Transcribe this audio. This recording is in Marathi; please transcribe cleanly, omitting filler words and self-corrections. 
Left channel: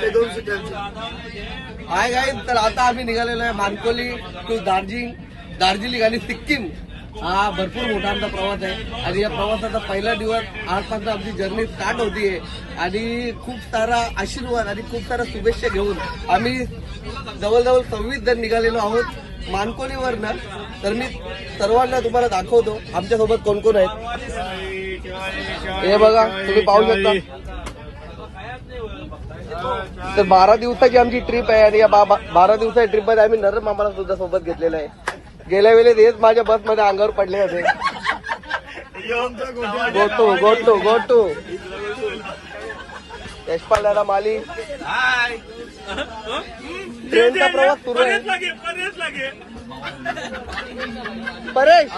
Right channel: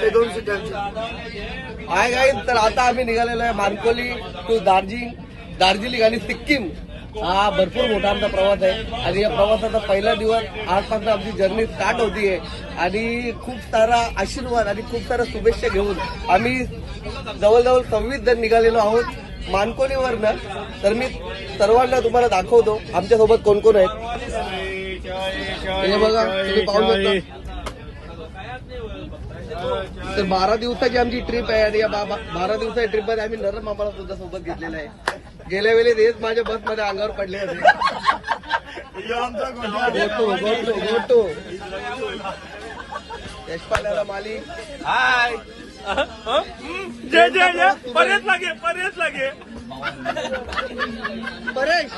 ते 2 सीटरची आहे गाईज. तर आता आम्ही निघालेलो आहे मानकोली टू दार्जिलिंग आणि सिक्कीम. हा भरपूर मोठा आमचा प्रवास आहे आणि या प्रवासाचा पहिला दिवस आजपासून आमची जर्नी स्टार्ट होतीये आणि खूप सारा आशीर्वाद आणि खूप सारा शुभेच्छा घेऊन आम्ही जवळजवळ 26 जण निघालेलो आहोत मानकोलीवरनं. तर मी सर्वांना तुम्हाला दाखवतो आमच्यासोबत कोण कोण आहेत. हे बघा तुम्ही पाहू शकता. तर 12 दिवसाची आमची ट्रिप आहे आणि या 12 दिवसाच्या ट्रिपमध्ये आम्ही नर मामाला सुद्धा सोबत घेतलेलं आहे. गेल्या वेळेस हेच माझ्या बसमध्ये अंगावर पडले होते. गोटू यशपाल माली परेश